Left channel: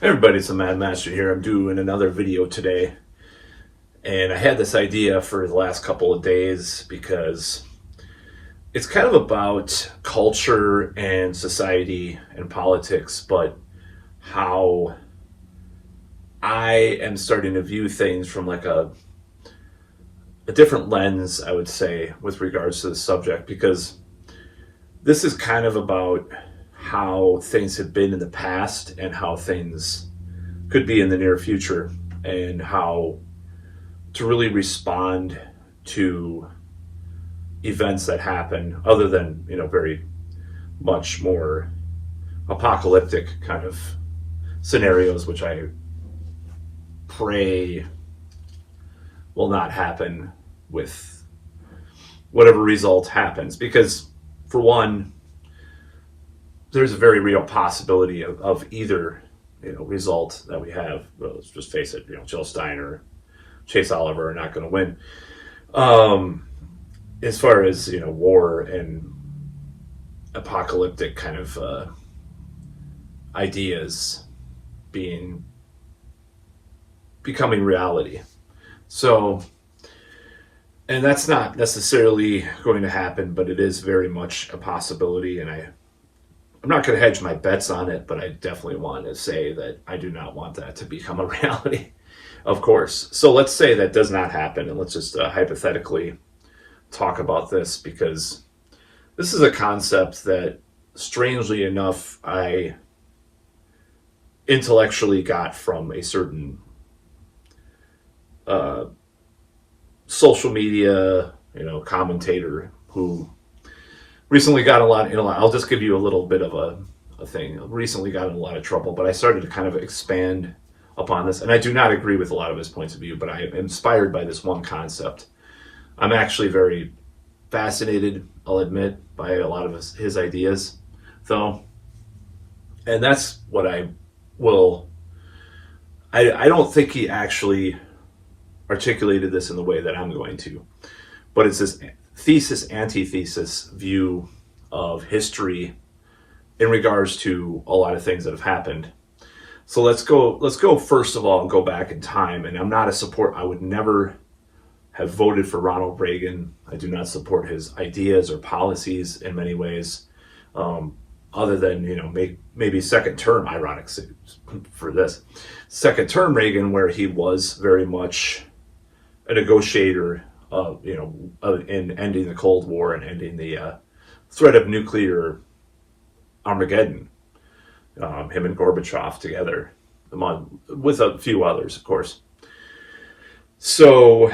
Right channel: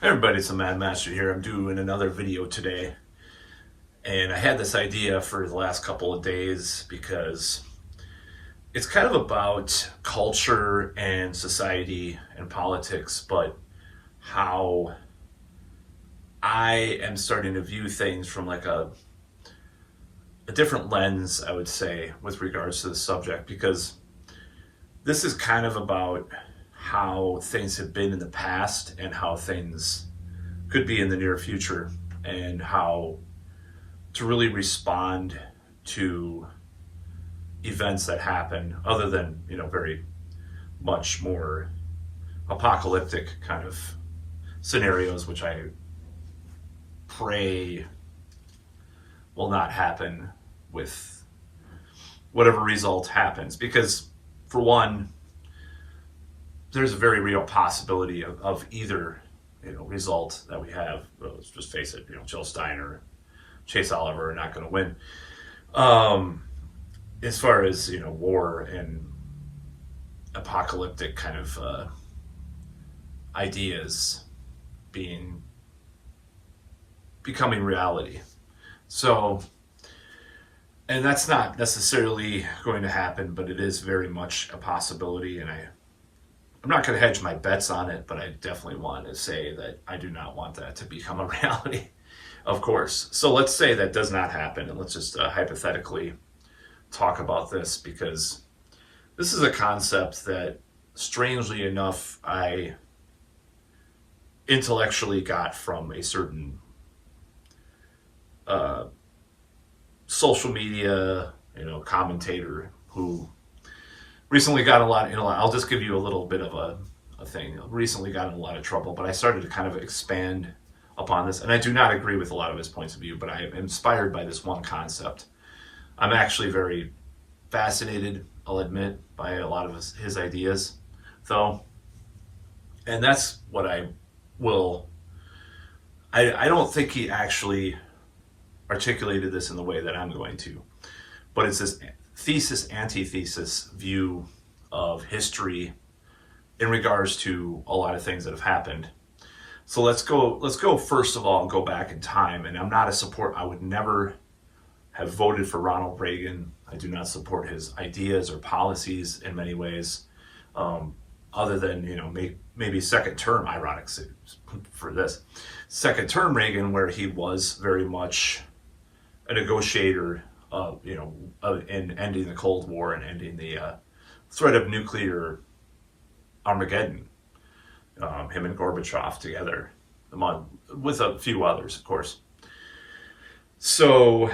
Hey everybody, it's the Mad Master here. I'm doing another video today, and I had this idea for the last couple of days because it's kind of about culture and society and politics, but how I am starting to view things from like a different lens, I would say, with regards to the subject, because this is kind of about how things have been in the past and how things could be in the near future, and how to really respond to events that happen other than, very much more apocalyptic kind of scenarios, which I pray will not happen with whatever result happens. Because, for one, there's a very real possibility of either result that we have. Well, let's just face it, Jill Stein or Chase Oliver are not going to win. As far as war and apocalyptic kind of ideas becoming reality. So, and that's not necessarily going to happen, but it is very much a possibility, and I'm not going to hedge my bets on it, but I definitely want to say that I do not want that to become a reality, of course. So let's say that does not happen, and let's just hypothetically talk about this, because this is a concept that, strangely enough, I intellectually got from a certain social media, commentator who recently got I'll just give you a little bit of a thing. Recently got in a lot of trouble, but I started to kind of expand upon this. And I do not agree with a lot of his points of view, but I am inspired by this one concept. I'm actually very fascinated, I'll admit, by a lot of his ideas, though. And that's what I don't think he actually articulated this in the way that I'm going to, but it's this thesis antithesis view of history in regards to a lot of things that have happened. So let's go first of all and go back in time. And I would never have voted for Ronald Reagan. I do not support his ideas or policies in many ways, other than maybe second term, ironic for this second term Reagan, where he was very much a negotiator in ending the Cold War and ending the threat of nuclear Armageddon. Him and Gorbachev together, with a few others, of course. So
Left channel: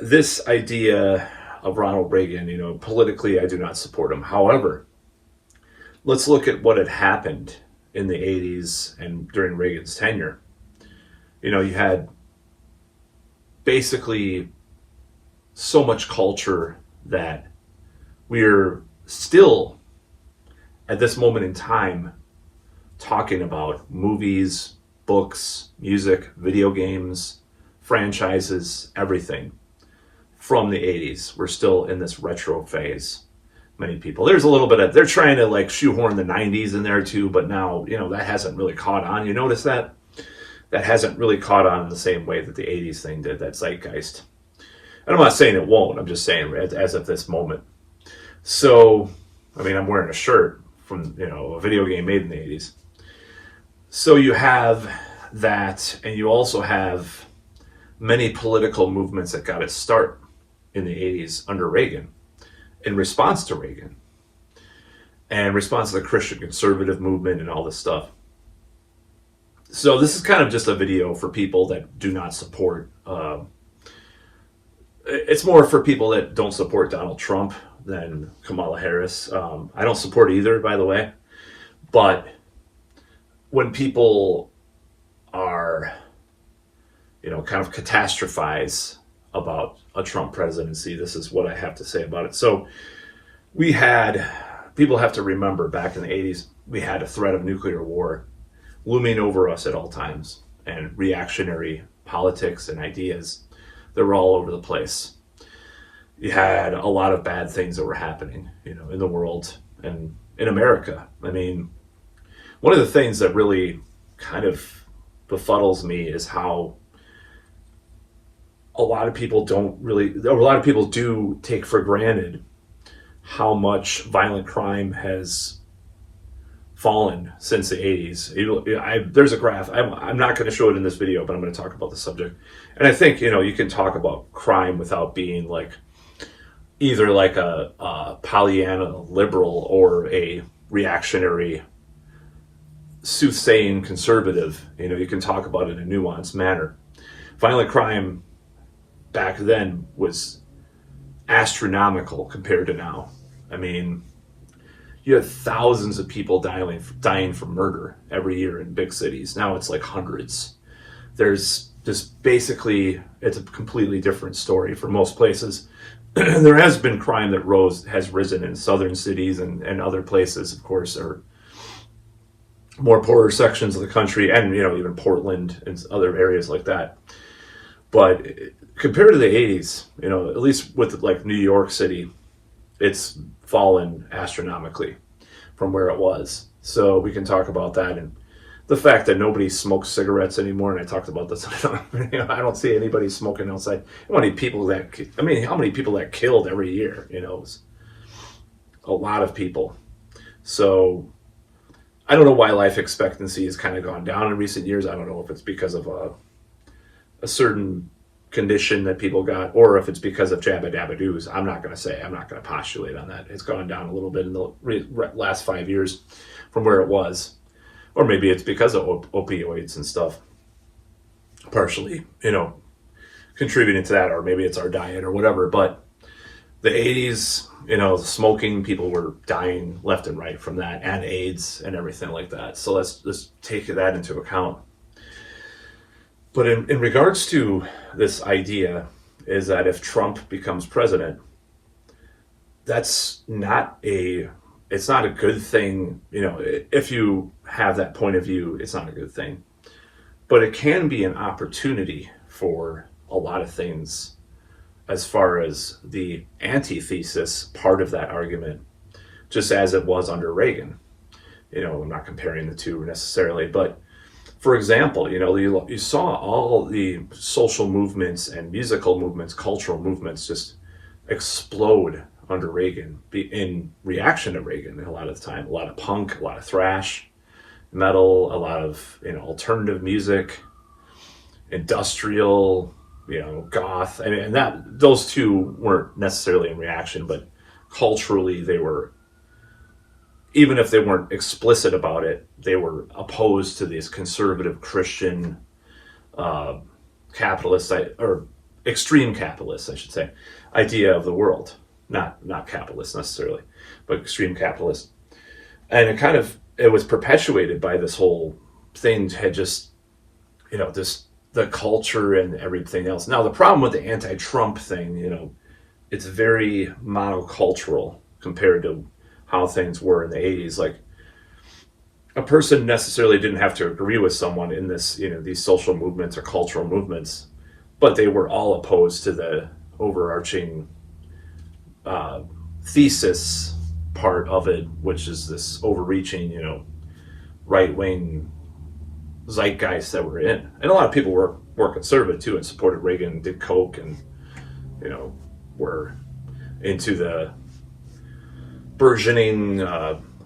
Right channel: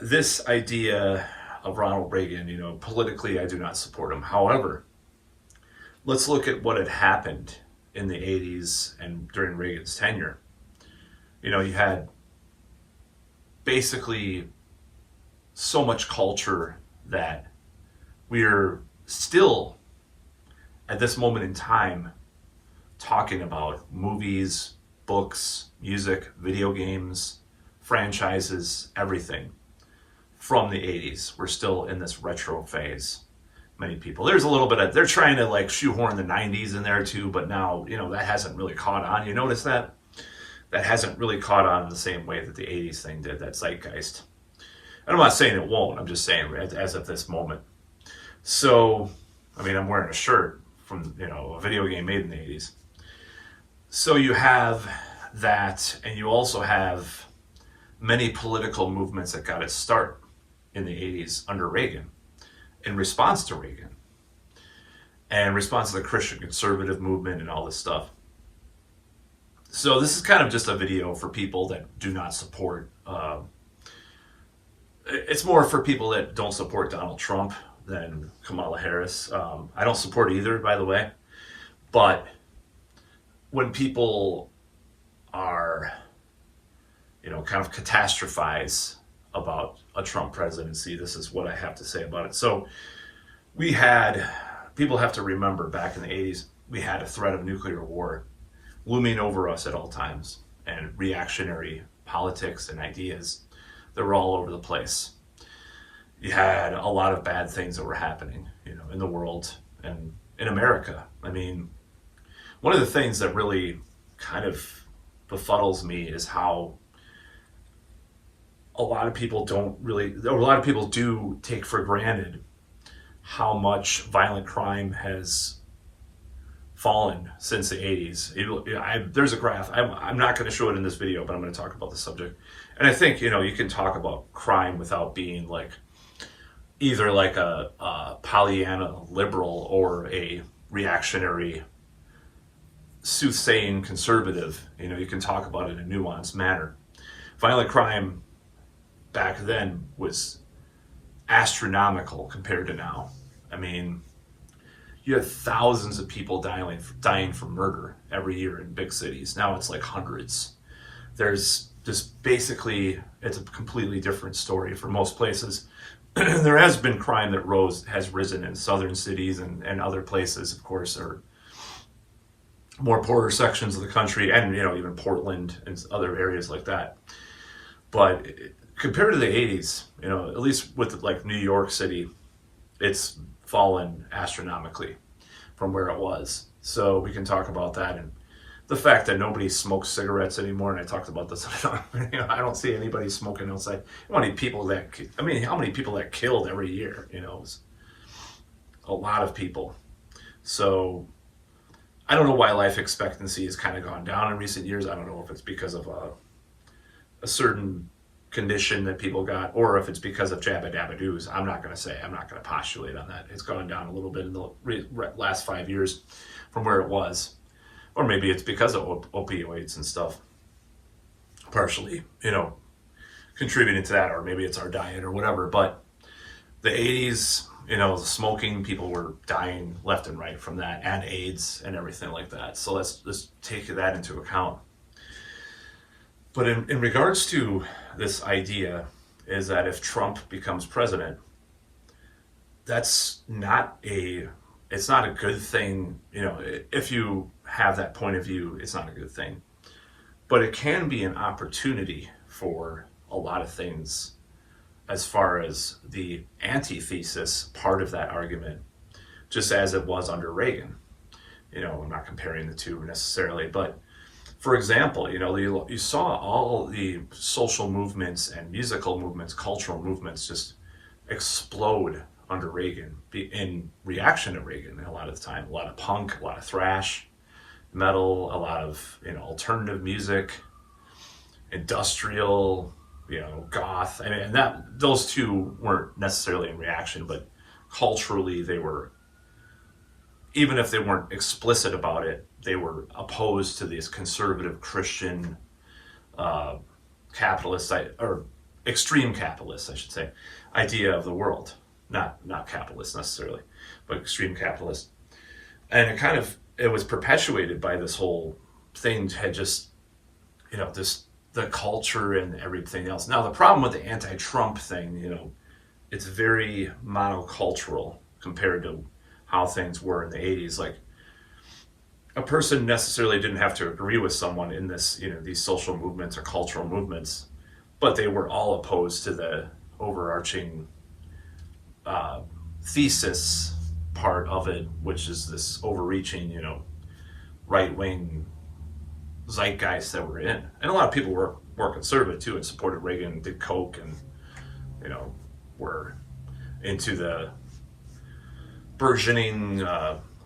this idea of Ronald Reagan, politically, I do not support him. However, let's look at what had happened in the 80s and during Reagan's tenure. You had basically so much culture that we're still, at this moment in time, talking about movies, books, music, video games, franchises, everything from the 80s. We're still in this retro phase. Many people, there's a little bit of, they're trying to like shoehorn the 90s in there too, but now, that hasn't really caught on. You notice that? That hasn't really caught on in the same way that the 80s thing did, that zeitgeist. And I'm not saying it won't, I'm just saying as of this moment. So, I'm wearing a shirt from, a video game made in the 80s. So you have that, and you also have many political movements that got its start in the 80s under Reagan, in response to Reagan, and response to the Christian conservative movement and all this stuff. So this is kind of just a video for people that do not support, it's more for people that don't support Donald Trump than Kamala Harris. I don't support either, by the way. But when people are, kind of catastrophize about a Trump presidency, this is what I have to say about it. So people have to remember, back in the 80s, we had a threat of nuclear war looming over us at all times, and reactionary politics and ideas that were all over the place. You had a lot of bad things that were happening, in the world and in America. One of the things that really kind of befuddles me is how a lot of people do take for granted how much violent crime has fallen since the 80s. There's a graph. I'm not going to show it in this video, but I'm going to talk about the subject. And I think, you can talk about crime without being like either like a Pollyanna liberal or a reactionary soothsaying conservative. You can talk about it in a nuanced manner. Violent crime back then was astronomical compared to now. I mean, you have thousands of people dying from murder every year in big cities. Now it's like hundreds. There's just basically, it's a completely different story for most places. There has been crime that has risen in southern cities and other places, of course, are more poorer sections of the country, and even Portland and other areas like that. But compared to the 80s, at least with like New York City, it's fallen astronomically from where it was. So we can talk about that, and the fact that nobody smokes cigarettes anymore. And I talked about this. I don't see anybody smoking outside. How many people that killed every year? It was a lot of people. So I don't know why life expectancy has kind of gone down in recent years. I don't know if it's because of a certain condition that people got, or if it's because of jabba dabba doos. I'm not going to say. I'm not going to postulate on that. It's gone down a little bit in the last 5 years from where it was. Or maybe it's because of opioids and stuff, partially, contributing to that, or maybe it's our diet or whatever. But the 80s, smoking, people were dying left and right from that, and AIDS and everything like that. So let's take that into account. But in regards to this idea is that if Trump becomes president, it's not a good thing. If you have that point of view, it's not a good thing. But it can be an opportunity for a lot of things as far as the antithesis part of that argument, just as it was under Reagan. I'm not comparing the two necessarily, but for example, you saw all the social movements and musical movements, cultural movements just explode under Reagan in reaction to Reagan. A lot of the time, a lot of punk, a lot of thrash metal, a lot of alternative music, industrial, goth. I mean, and those two weren't necessarily in reaction, but culturally they were. Even if they weren't explicit about it, they were opposed to this conservative Christian capitalist, or extreme capitalist, I should say, idea of the world. Not capitalist necessarily, but extreme capitalist. And it was perpetuated by this whole thing had just, the culture and everything else. Now, the problem with the anti-Trump thing, it's very monocultural compared to how things were in the 80s. Like, a person necessarily didn't have to agree with someone in this, these social movements or cultural movements, but they were all opposed to the overarching thesis part of it, which is this overreaching, right-wing zeitgeist that we're in. And a lot of people were conservative too and supported Reagan and did coke and, were into the burgeoning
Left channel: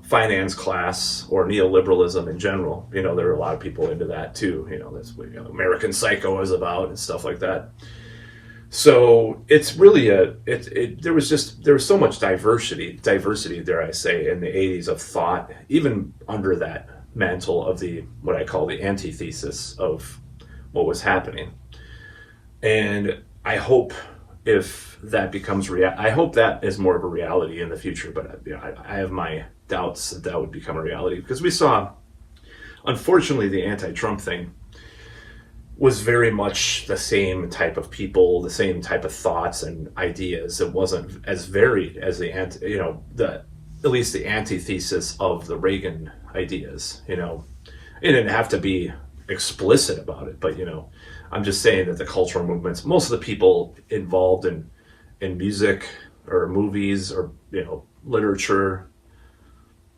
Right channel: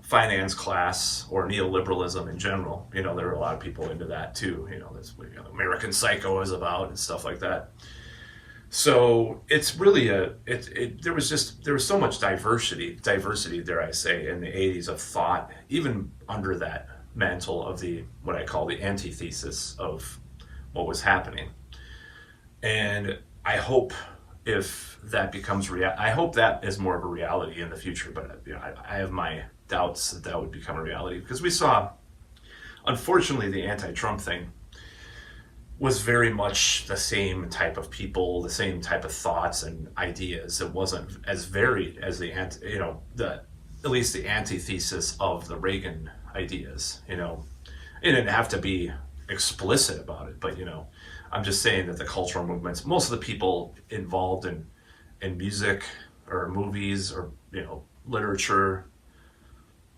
finance class or neoliberalism in general. There were a lot of people into that too. That's what American Psycho is about and stuff like that. So it's really there was so much diversity, dare I say, in the 80s of thought, even under that mantle of what I call the antithesis of what was happening. And I hope if that becomes I hope that is more of a reality in the future, but I have my doubts that would become a reality, because we saw, unfortunately, the anti-Trump thing was very much the same type of people, the same type of thoughts and ideas. It wasn't as varied as at least the antithesis of the Reagan ideas. It didn't have to be explicit about it, but I'm just saying that the cultural movements, most of the people involved in music or movies or literature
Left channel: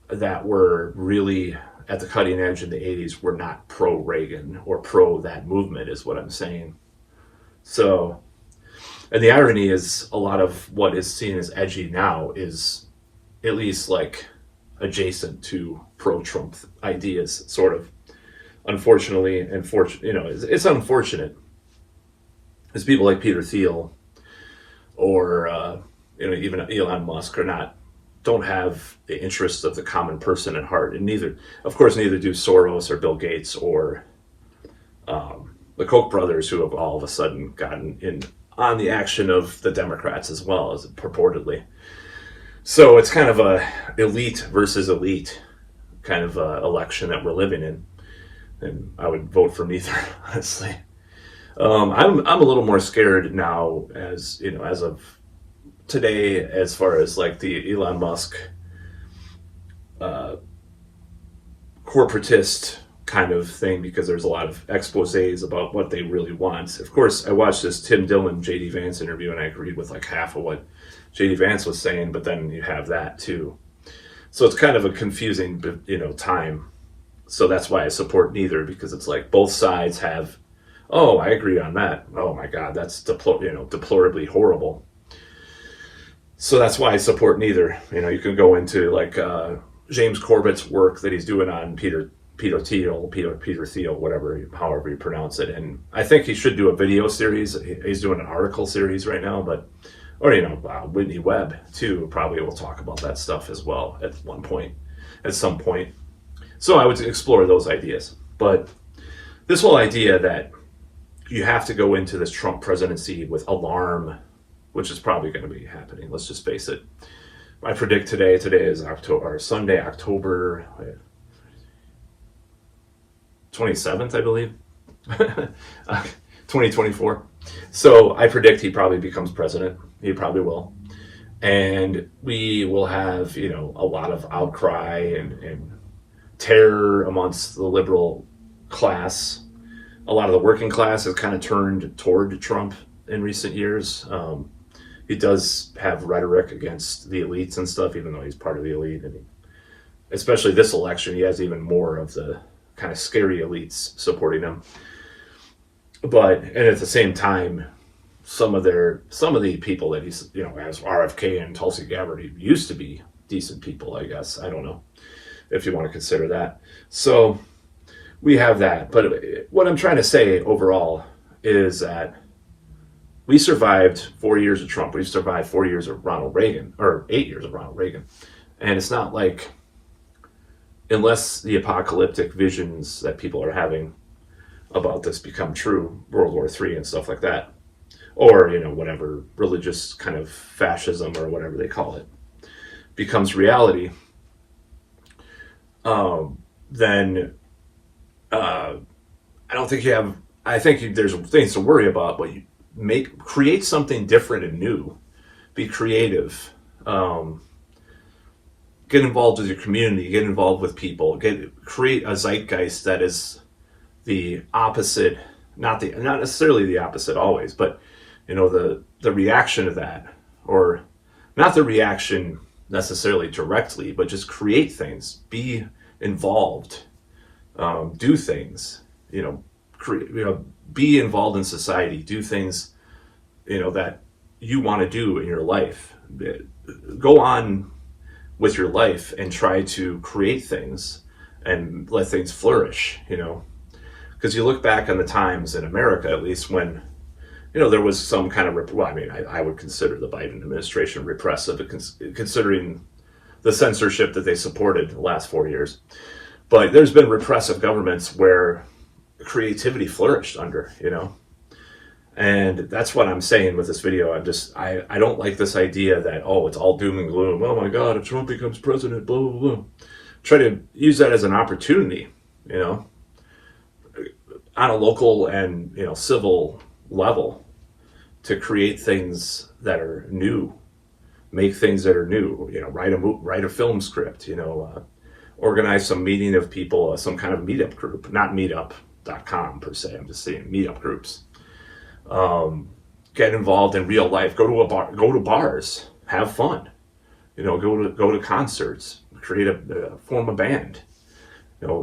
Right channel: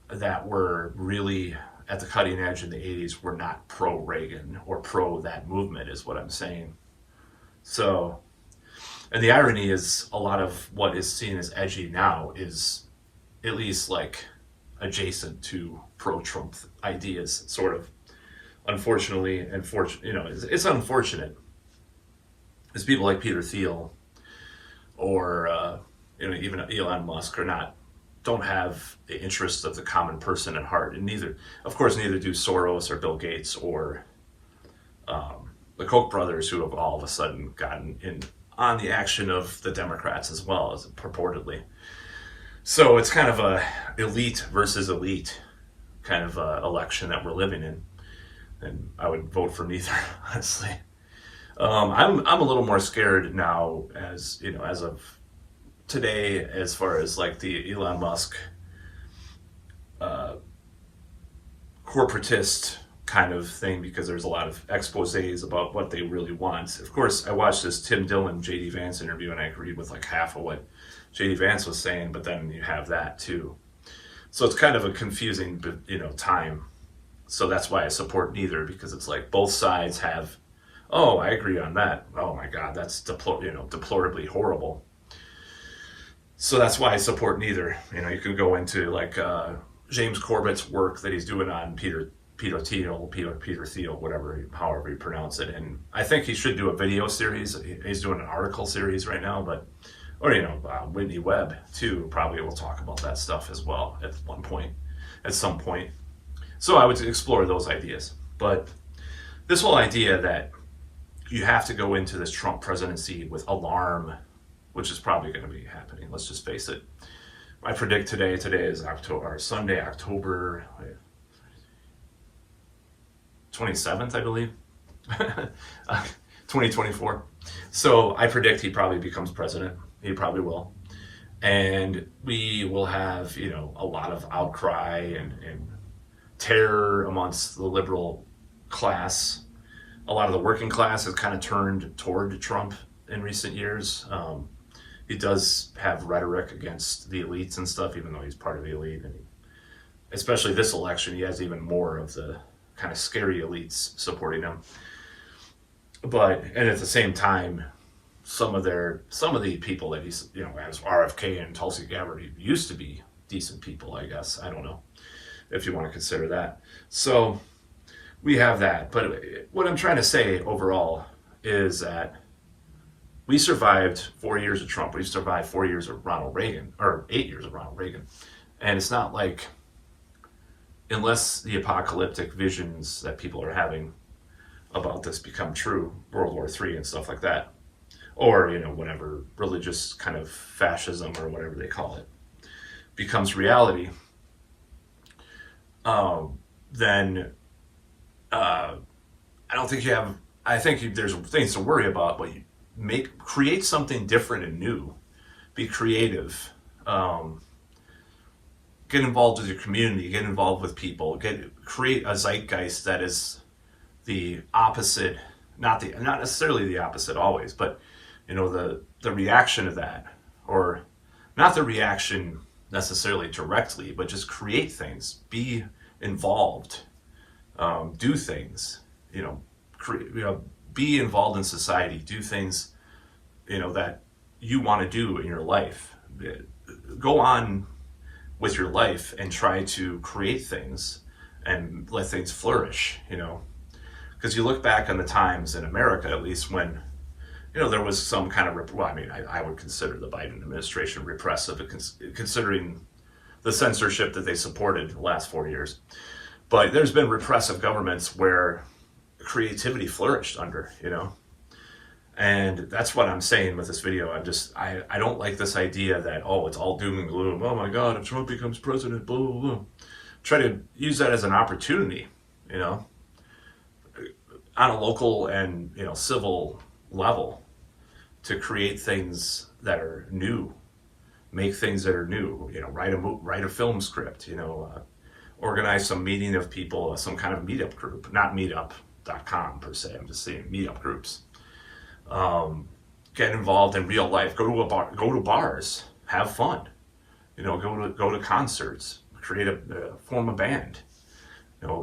that were really at the cutting edge in the 80s were not pro-Reagan or pro that movement, is what I'm saying. So, and the irony is a lot of what is seen as edgy now is at least like adjacent to pro-Trump ideas, sort of. Unfortunately, it's unfortunate. As people like Peter Thiel or even Elon Musk don't have the interests of the common person at heart, and neither do Soros or Bill Gates or the Koch brothers, who have all of a sudden gotten in on the action of the Democrats as well, as purportedly. So it's kind of a elite versus elite kind of election that we're living in, and I would vote for neither, honestly. I'm a little more scared now, as of today, as far as like the Elon Musk corporatist kind of thing, because there's a lot of exposés about what they really want. Of course, I watched this Tim Dillon JD Vance interview, and I agreed with like half of what JD Vance was saying, but then you have that too. So it's kind of a confusing, time. So that's why I support neither, because it's like both sides have, oh, I agree on that. Oh my God, that's deplorably horrible. So that's why I support neither. You can go into like James Corbett's work that he's doing on Peter Thiel, however you pronounce it. And I think he should do a video series. He's doing an article series right now, or Whitney Webb too, probably will talk about that stuff as well at some point. So I would explore those ideas. But this whole idea that you have to go into this Trump presidency with alarm, which is probably going to be happening. Let's just face it. I predict today is Sunday, October 27th, I believe, 2024. So I predict he probably becomes president. He probably will. And we will have, a lot of outcry and terror amongst the liberal class. A lot of the working class has kind of turned toward Trump in recent years. He does have rhetoric against the elites and stuff, even though he's part of the elite. And especially this election, he has even more of the kind of scary elites supporting him. And at the same time, some of the people that he's, as RFK and Tulsi Gabbard, he used to be decent people, I guess. I don't know if you want to consider that. So we have that. But what I'm trying to say overall is that we survived 4 years of Trump. We survived 4 years of Ronald Reagan, or 8 years of Ronald Reagan. And it's not like, unless the apocalyptic visions that people are having about this become true, World War III and stuff like that, or, whatever religious kind of fascism or whatever they call it, becomes reality, then I don't think I think there's things to worry about, but create something different and new, be creative, get involved with your community, get involved with people, create a zeitgeist that is the opposite, not necessarily the opposite always, but the reaction of that, or not the reaction necessarily directly, but just create things, be involved, do things, be involved in society, do things, that you want to do in your life. Go on with your life and try to create things and let things flourish, because you look back on the times in America, at least, when, there was some kind of, I would consider the Biden administration repressive, considering the censorship that they supported the last 4 years. But there's been repressive governments where creativity flourished under, and that's what I'm saying with this video. I don't like this idea that, it's all doom and gloom. Oh my God, if Trump becomes president, blah, blah, blah. Try to use that as an opportunity, on a local and, civil level, to create things that are new, make things that are new, write a film script, organize some meeting of people, some kind of meetup group, not meetup.com per se. I'm just saying meetup groups. Get involved in real life, go to bars, have fun, go to concerts, form a band,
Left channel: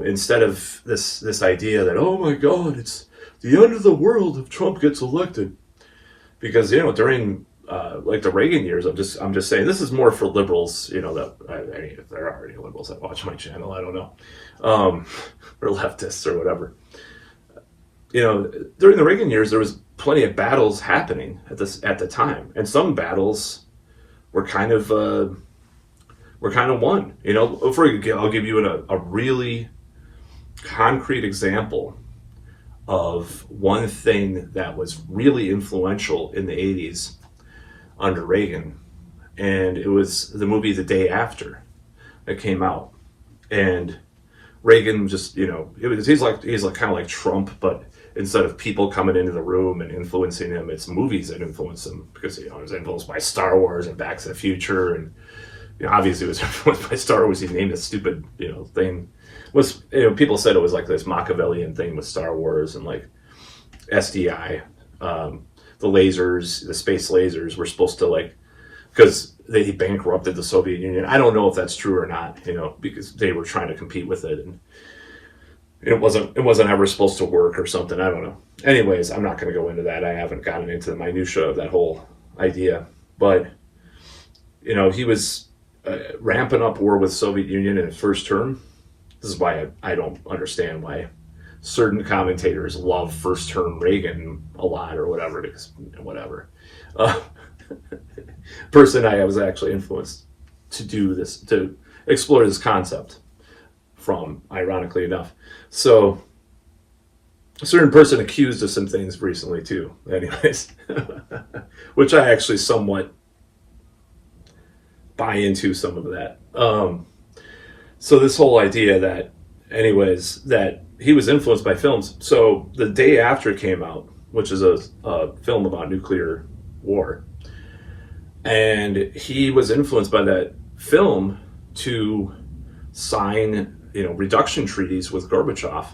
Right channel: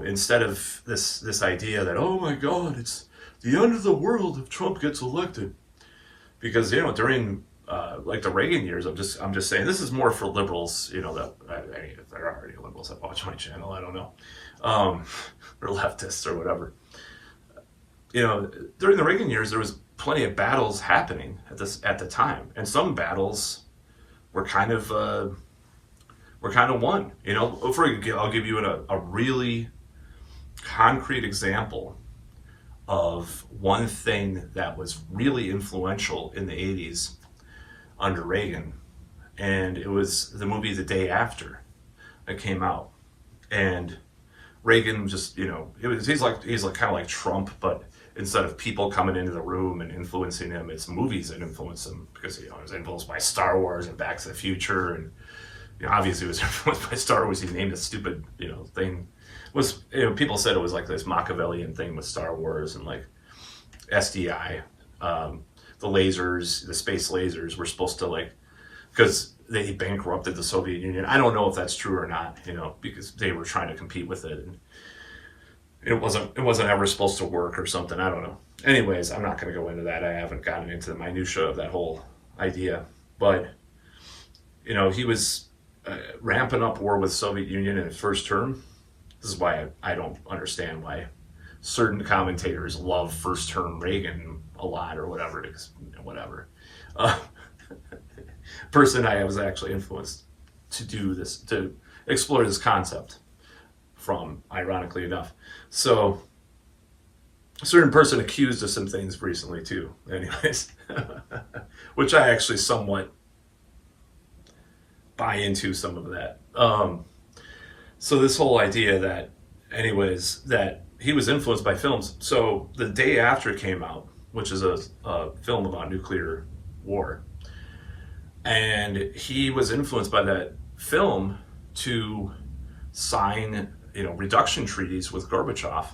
instead of this idea that, oh my God, it's the end of the world if Trump gets elected. Because during like the Reagan years, I'm just saying, this is more for liberals. That I mean, if there are any liberals that watch my channel, I don't know, or leftists or whatever. During the Reagan years, there was plenty of battles happening at the time, and some battles were kind of won. I'll give you a really concrete example of one thing that was really influential in the 80s under Reagan, and it was the movie The Day After that came out. And Reagan just, he's like kind of like Trump, but instead of people coming into the room and influencing him, it's movies that influence him, because he was influenced by Star Wars and Back to the Future, and obviously he was influenced by Star Wars. He named a stupid thing. People said it was like this Machiavellian thing with Star Wars, and like SDI, the lasers, the space lasers were supposed to, because they bankrupted the Soviet Union. I don't know if that's true or not, because they were trying to compete with it, and it wasn't ever supposed to work or something. I don't know. Anyways, I'm not going to go into that. I haven't gotten into the minutia of that whole idea, but he was ramping up war with Soviet Union in his first term. This is why I don't understand why certain commentators love first term Reagan a lot or whatever, because whatever. Person I was actually influenced to do this, to explore this concept from, ironically enough. So a certain person accused of some things recently too, anyways, which I actually somewhat buy into some of that. So this whole idea that, anyways, that he was influenced by films. So The Day After came out, which is a film about nuclear war. And he was influenced by that film to sign, reduction treaties with Gorbachev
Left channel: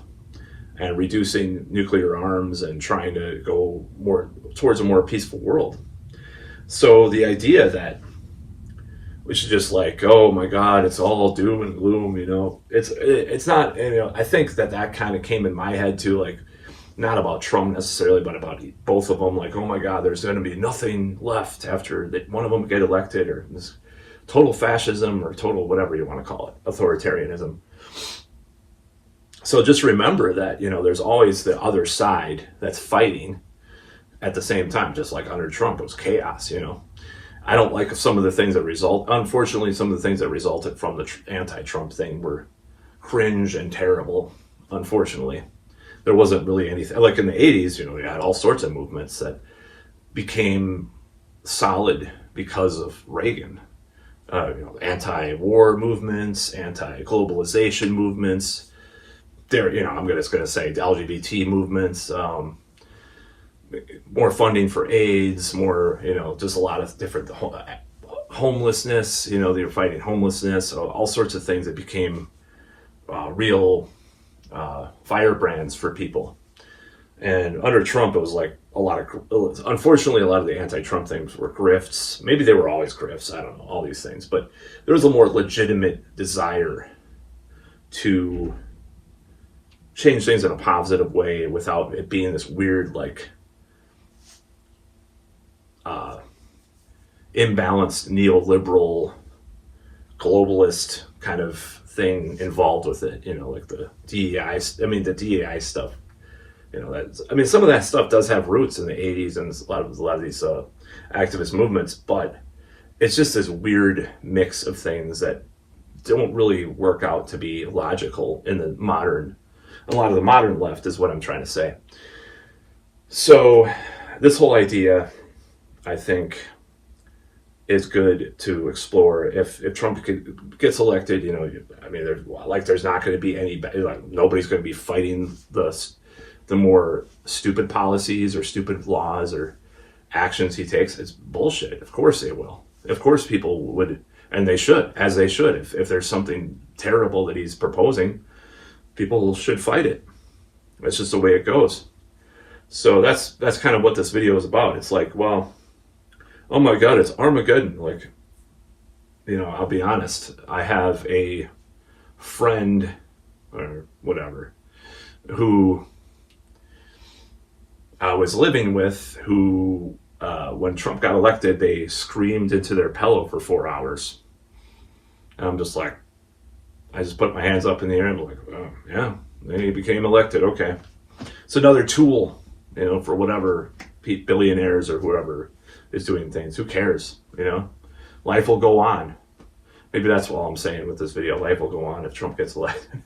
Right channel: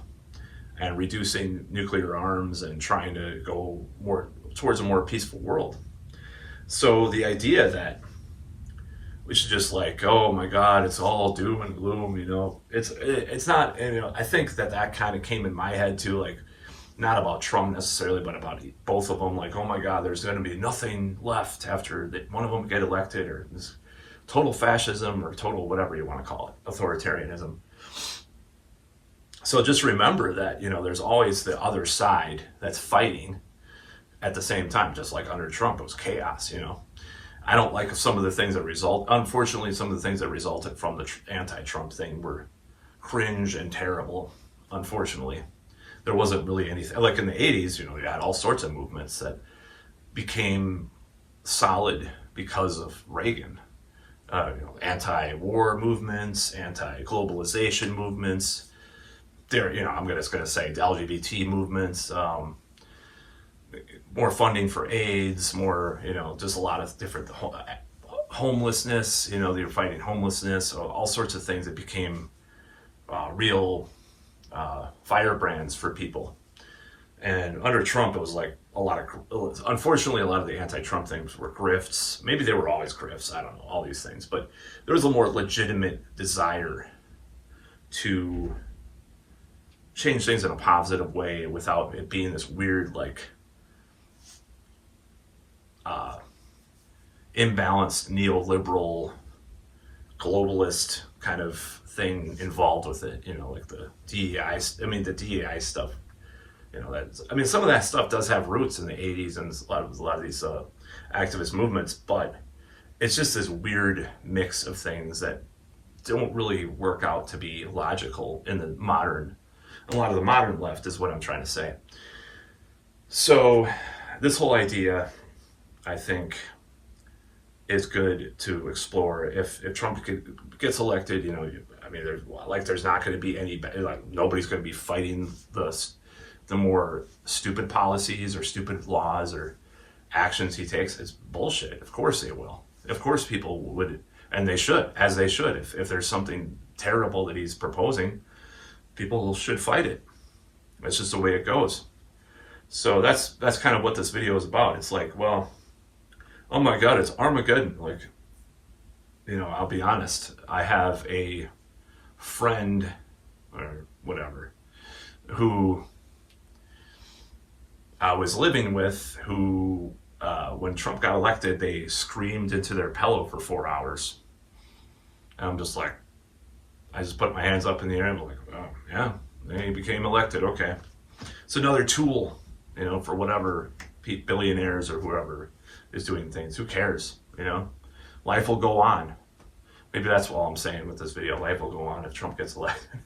and reducing nuclear arms and trying to go more towards a more peaceful world. So the idea that we should just oh my God, it's all doom and gloom, it's not, I think that kind of came in my head too, not about Trump necessarily, but about both of them, oh my God, there's going to be nothing left after that one of them get elected, or this total fascism, or total whatever you want to call it, authoritarianism. So just remember that, there's always the other side that's fighting at the same time, just like under Trump, it was chaos, I don't like some of the things that unfortunately, some of the things that resulted from the anti-Trump thing were cringe and terrible, unfortunately. There wasn't really anything, like in the 80s, you had all sorts of movements that became solid because of Reagan. Anti-war movements, anti-globalization movements. I'm just going to say the LGBT movements, more funding for AIDS, more, just a lot of different homelessness, they were fighting homelessness, all sorts of things that became real firebrands for people. And under Trump, it was unfortunately, a lot of the anti-Trump things were grifts. Maybe they were always grifts, I don't know, all these things, but there was a more legitimate desire to change things in a positive way without it being this weird, imbalanced neoliberal globalist kind of thing involved with it, the DEI, the DEI stuff, some of that stuff does have roots in the 80s and a lot of these activist movements, but it's just this weird mix of things that don't really work out to be logical in a lot of the modern left is what I'm trying to say. So this whole idea, I think, is good to explore. If Trump gets elected, there's not going to be any, nobody's going to be fighting the more stupid policies or stupid laws or actions he takes. It's bullshit. Of course they will. Of course people would, and they should, as they should. If there's something terrible that he's proposing, people should fight it. That's just the way it goes. So that's kind of what this video is about. It's oh my God, it's Armageddon. I'll be honest. I have a friend or whatever, who I was living with, who, when Trump got elected, they screamed into their pillow for 4 hours. And I'm just like, I just put my hands up in the air and like, oh, yeah, he became elected. Okay. It's another tool, for whatever billionaires or whoever is doing things. Who cares? Life will go on. Maybe that's all I'm saying with this video. Life will go on if Trump gets elected.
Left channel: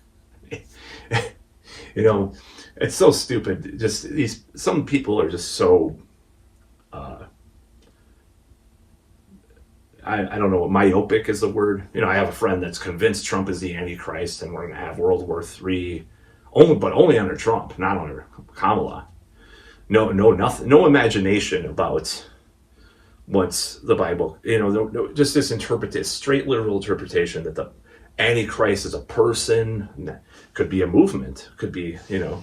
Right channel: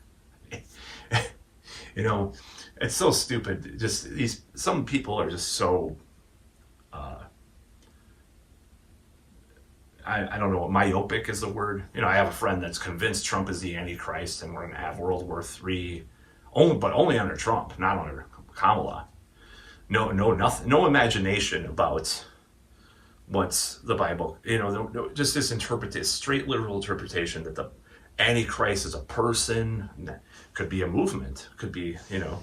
It's so stupid. Just some people are just so, I don't know what myopic is the word. I have a friend that's convinced Trump is the Antichrist and we're going to have World War III, only under Trump, not under Kamala. No, nothing, no imagination about what's the Bible. Just this straight literal interpretation that the Antichrist is a person, could be a movement, could be, the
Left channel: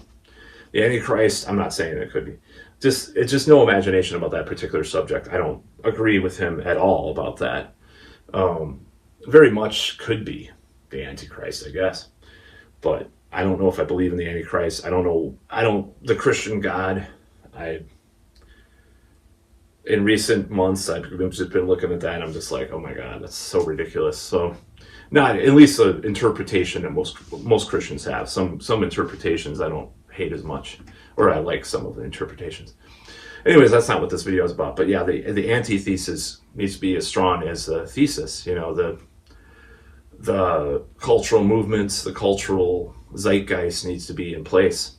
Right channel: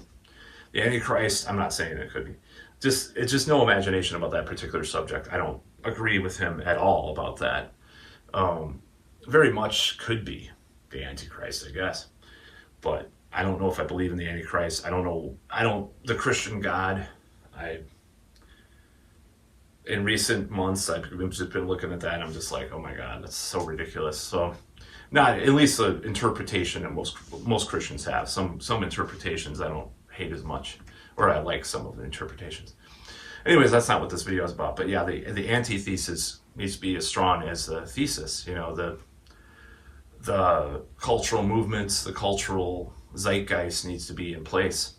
Antichrist. I'm not saying it could be. It's just no imagination about that particular subject. I don't agree with him at all about that. Very much could be the Antichrist, I guess. But I don't know if I believe in the Antichrist. The Christian God. In recent months, I've just been looking at that and I'm just like, oh my God, that's so ridiculous. So, not at least the interpretation that most Christians have. Some interpretations I don't hate as much, or I like some of the interpretations. Anyways, that's not what this video is about. But yeah, the antithesis needs to be as strong as the thesis. The cultural movements, the cultural zeitgeist needs to be in place.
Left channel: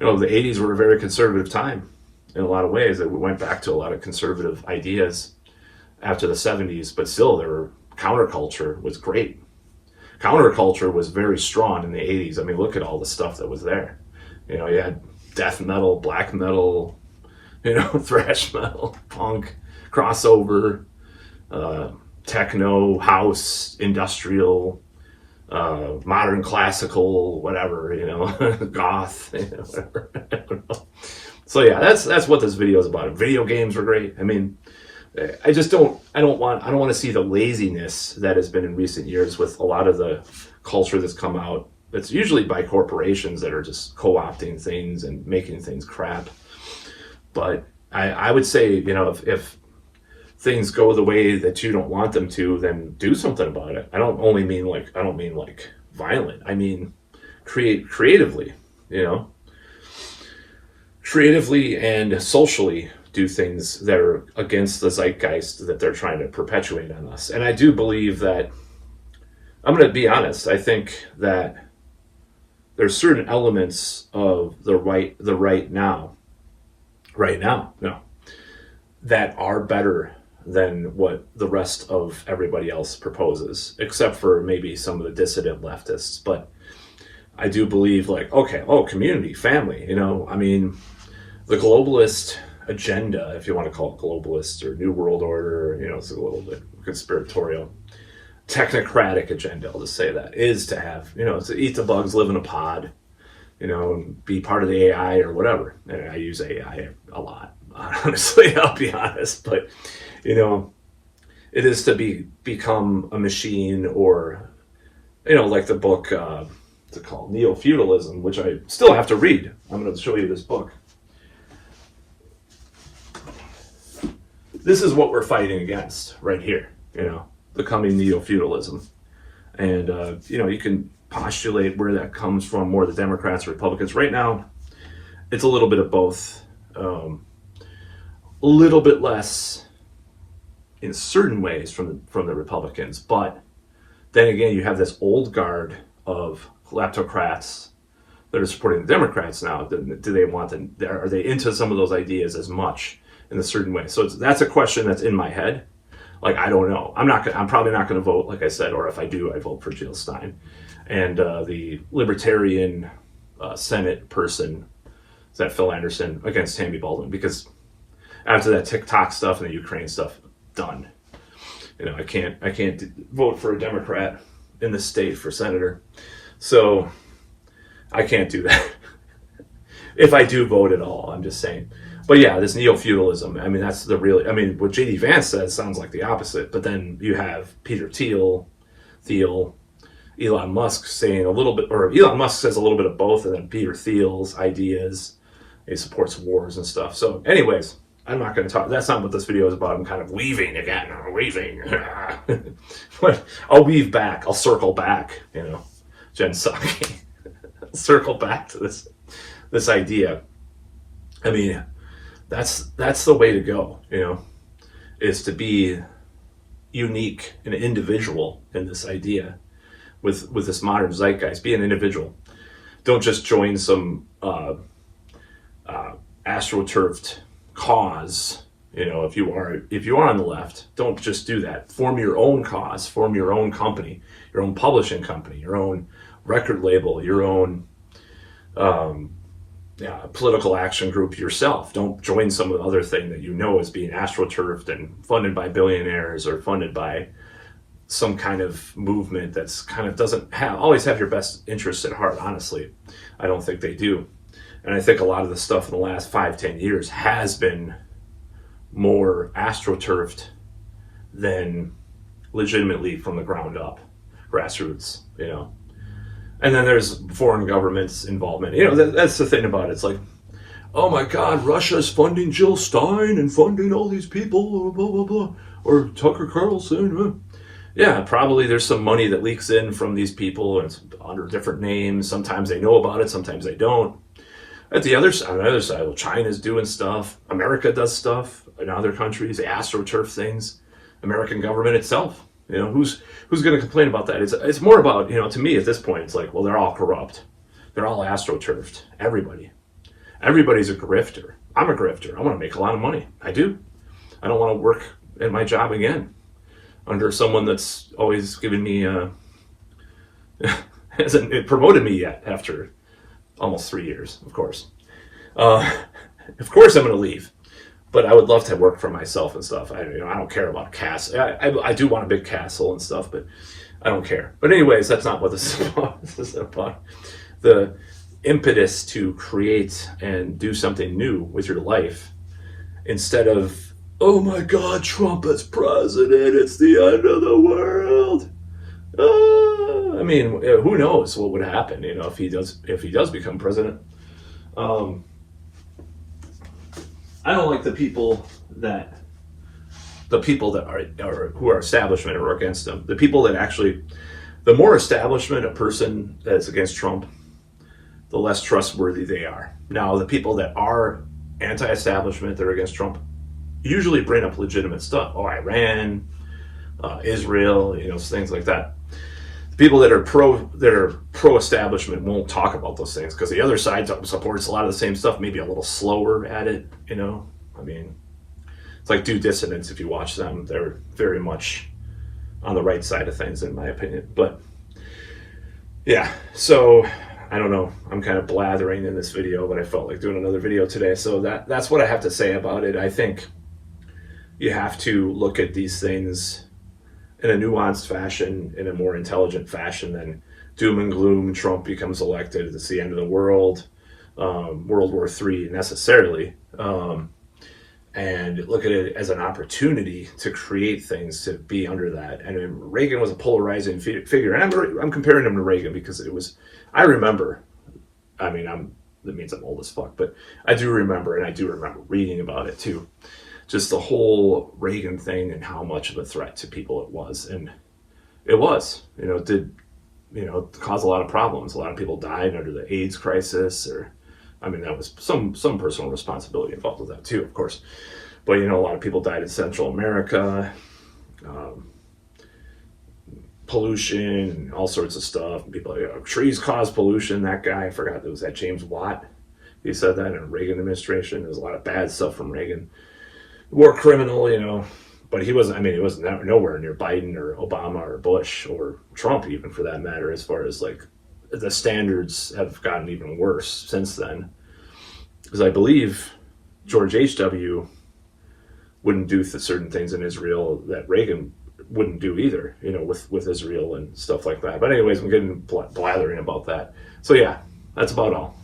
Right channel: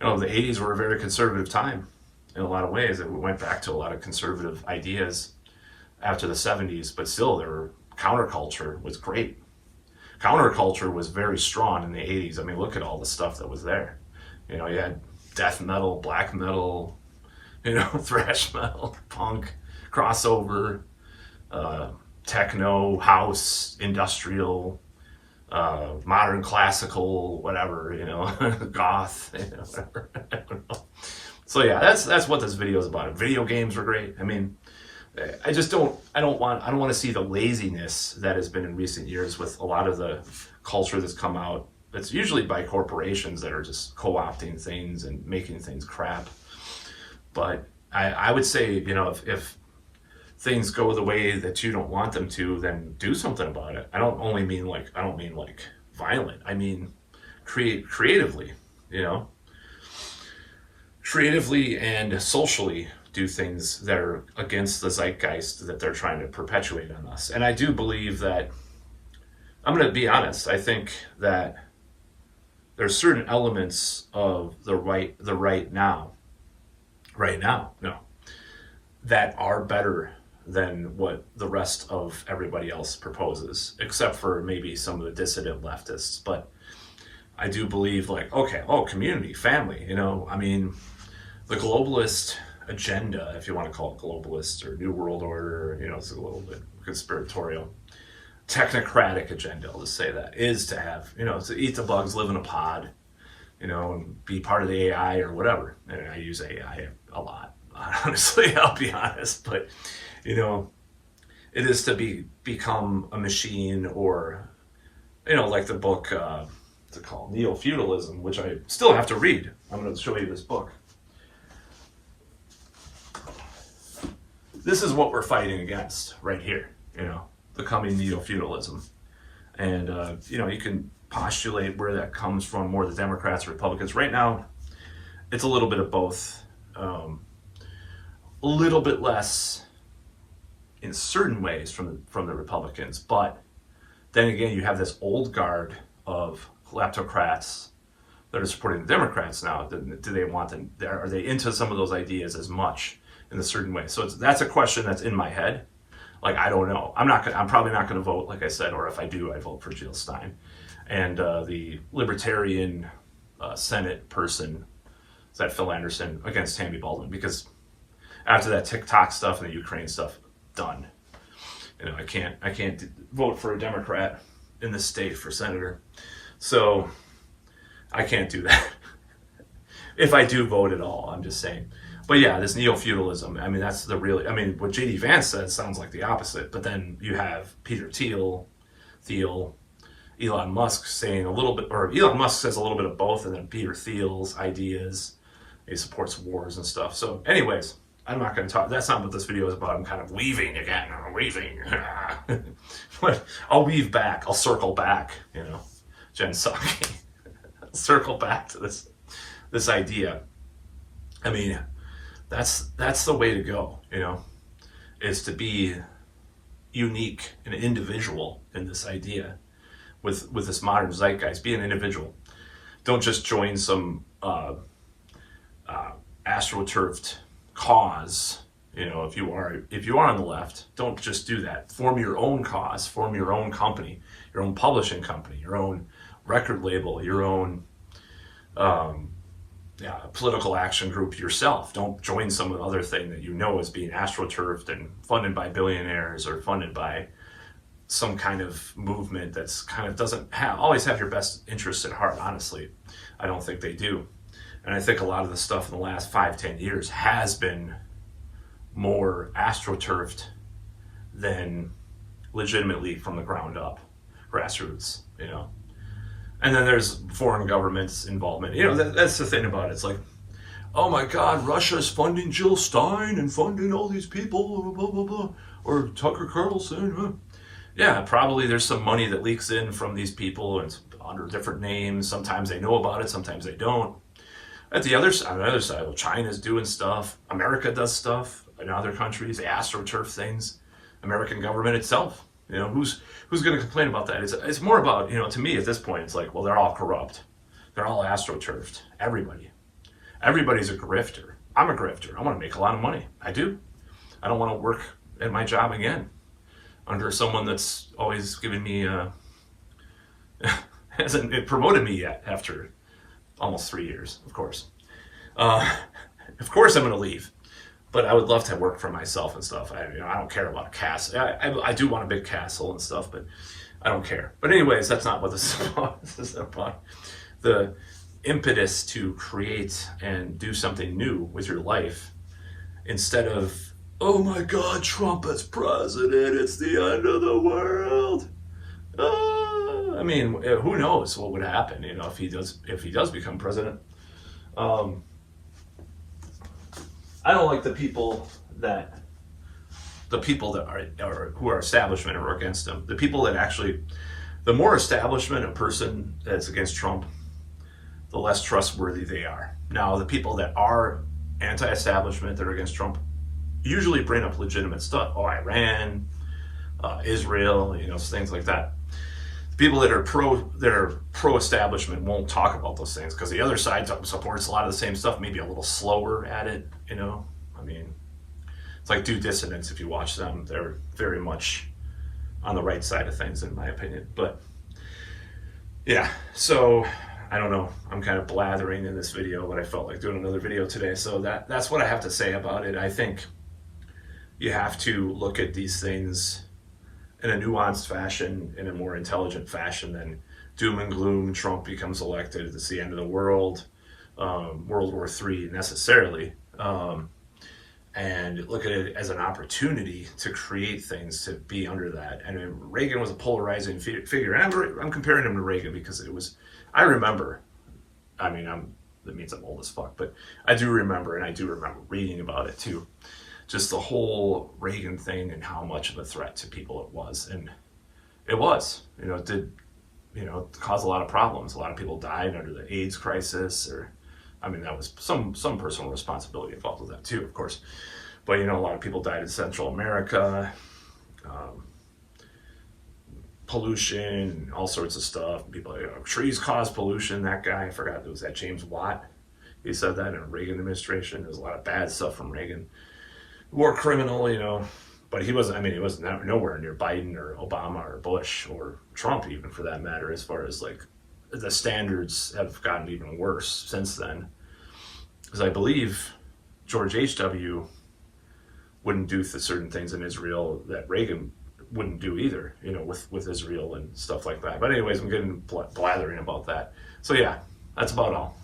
The 80s were a very conservative time in a lot of ways. It went back to a lot of conservative ideas after the 70s, but still counterculture was great. Counterculture was very strong in the 80s. I mean, look at all the stuff that was there. You had death metal, black metal, thrash metal, punk, crossover, techno, house, industrial, modern classical, whatever, goth, whatever. I don't know. So yeah, that's what this video is about. Video games were great. I mean, I don't want to see the laziness that has been in recent years with a lot of the culture that's come out. It's usually by corporations that are just co-opting things and making things crap. But I would say, if things go the way that you don't want them to, then do something about it. I don't mean like violent. I mean creatively, creatively and socially do things that are against the zeitgeist that they're trying to perpetuate on us. And I do believe that, I'm going to be honest, I think that there's certain elements of the right now, that are better than what the rest of everybody else proposes, except for maybe some of the dissident leftists. But I do believe community, family, I mean, the globalist agenda, if you want to call it globalist or New World Order, it's a little bit conspiratorial, technocratic agenda, I'll just say that, is to have, to eat the bugs, live in a pod, and be part of the AI or whatever. And I use AI a lot, honestly, I'll be honest. But, it is to become a machine, or, like the book, what's it called? Neo-feudalism, which I still have to read. I'm going to show you this book. This is what we're fighting against right here, the coming neo-feudalism. And, you can postulate where that comes from, more the Democrats or Republicans. Right now, it's a little bit of both. A little bit less in certain ways from the Republicans. But then again, you have this old guard of kleptocrats that are supporting the Democrats now. Do they want them? Are they into some of those ideas as much in a certain way? So that's a question that's in my head. I don't know. I'm probably not going to vote, like I said, or if I do, I vote for Jill Stein. And the Libertarian Senate person, is that Phil Anderson, against Tammy Baldwin, because after that TikTok stuff and the Ukraine stuff, done. I can't vote for a Democrat in the state for senator. So I can't do that. If I do vote at all, I'm just saying. But yeah, this neo-feudalism, I mean, that's what J.D. Vance says sounds like the opposite. But then you have Peter Thiel, Elon Musk saying a little bit, or Elon Musk says a little bit of both, and then Peter Thiel's ideas. He supports wars and stuff. So anyways, I'm not going to talk. That's not what this video is about. I'm kind of weaving again. Weaving. But I'll weave back. I'll circle back, Jen Psaki. Circle back to this idea. I mean, that's the way to go, is to be unique and individual in this idea with this modern zeitgeist. Be an individual. Don't just join some astroturfed cause. If you are on the left, don't just do that. Form your own cause, form your own company, your own publishing company, your own record label, your own political action group yourself. Don't join some other thing that is being astroturfed and funded by billionaires or funded by some kind of movement that's kind of doesn't always have your best interests at heart. Honestly, I don't think they do. And I think a lot of the stuff in the last 5-10 years has been more astroturfed than legitimately from the ground up, grassroots, And then there's foreign governments' involvement. That's the thing about it. It's like, oh my God, Russia's funding Jill Stein and funding all these people, blah, blah, blah, or Tucker Carlson. Yeah, probably there's some money that leaks in from these people, and it's under different names. Sometimes they know about it, sometimes they don't. On the other side, well, China's doing stuff. America does stuff in other countries. They astroturf things. American government itself. Who's going to complain about that? It's more about, to me at this point, it's like, well, they're all corrupt. They're all astroturfed. Everybody's a grifter. I'm a grifter. I want to make a lot of money. I do. I don't want to work at my job again under someone that's always given me, hasn't promoted me yet after almost 3 years, of course. Of course I'm going to leave. But I would love to work for myself and stuff. I don't care about a castle. I do want a big castle and stuff, but I don't care. But anyways, that's not what this is about. This is about the impetus to create and do something new with your life instead of, oh my God, Trump as president, it's the end of the world. I mean, who knows what would happen, if he does become president. I don't like the people that are who are establishment or against him. The people that actually, the more establishment a person that's against Trump, the less trustworthy they are. Now, the people that are anti-establishment, that are against Trump, usually bring up legitimate stuff. Oh, Iran, Israel, things like that. The people that are pro-establishment won't talk about those things because the other side supports a lot of the same stuff, maybe a little slower at it. I mean, it's like Due Dissidents. If you watch them, they're very much on the right side of things, in my opinion. But yeah, so I don't know. I'm kind of blathering in this video, but I felt like doing another video today. So that's what I have to say about it. I think you have to look at these things in a nuanced fashion, in a more intelligent fashion than doom and gloom. Trump becomes elected, it's the end of the world, World War III necessarily, and look at it as an opportunity to create things, to be under that. And Reagan was a polarizing figure, and I'm comparing him to Reagan because I remember, that means I'm old as fuck, but I do remember reading about it too. Just the whole Reagan thing and how much of a threat to people it was. And it was, it did, cause a lot of problems. A lot of people died under the AIDS crisis, that was some personal responsibility involved with that too, of course. But, a lot of people died in Central America, pollution, and all sorts of stuff. People, trees cause pollution. That guy, I forgot, was that James Watt? He said that in the Reagan administration. There was a lot of bad stuff from Reagan. War criminal, but he wasn't nowhere near Biden or Obama or Bush or Trump, even for that matter, as far as like the standards have gotten even worse since then. Because I believe George H.W. wouldn't do certain things in Israel that Reagan wouldn't do either, with Israel and stuff like that. But anyways, I'm getting blathering about that. So yeah, that's about all.